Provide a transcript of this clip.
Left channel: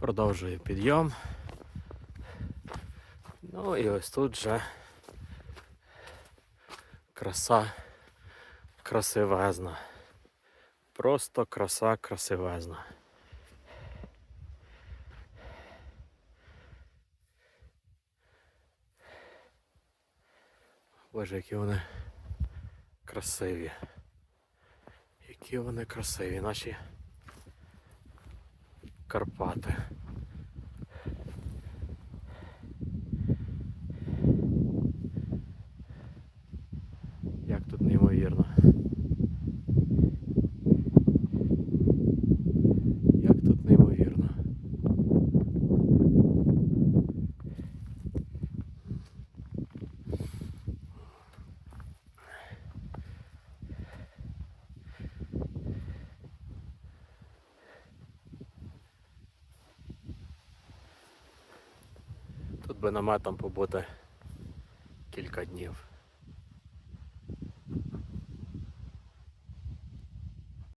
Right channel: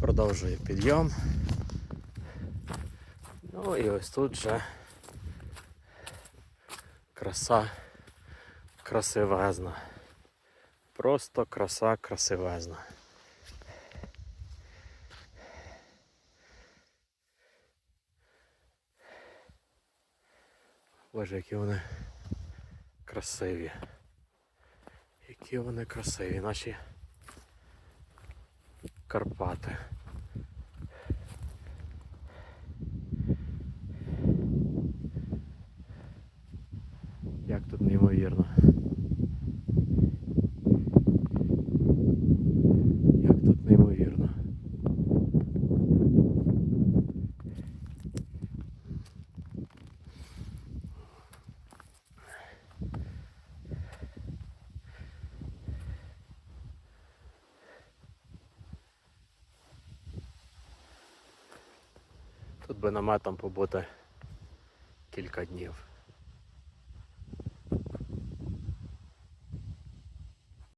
Продовжую підйом. Ну і ось тут вже краса красивезна. Просто краса красивезна. Боже, які вони красиві. Які вони красиві, наші Карпати. Як тут неймовірно. Як тут неймовірно. Тут би наметом побути кілька днів.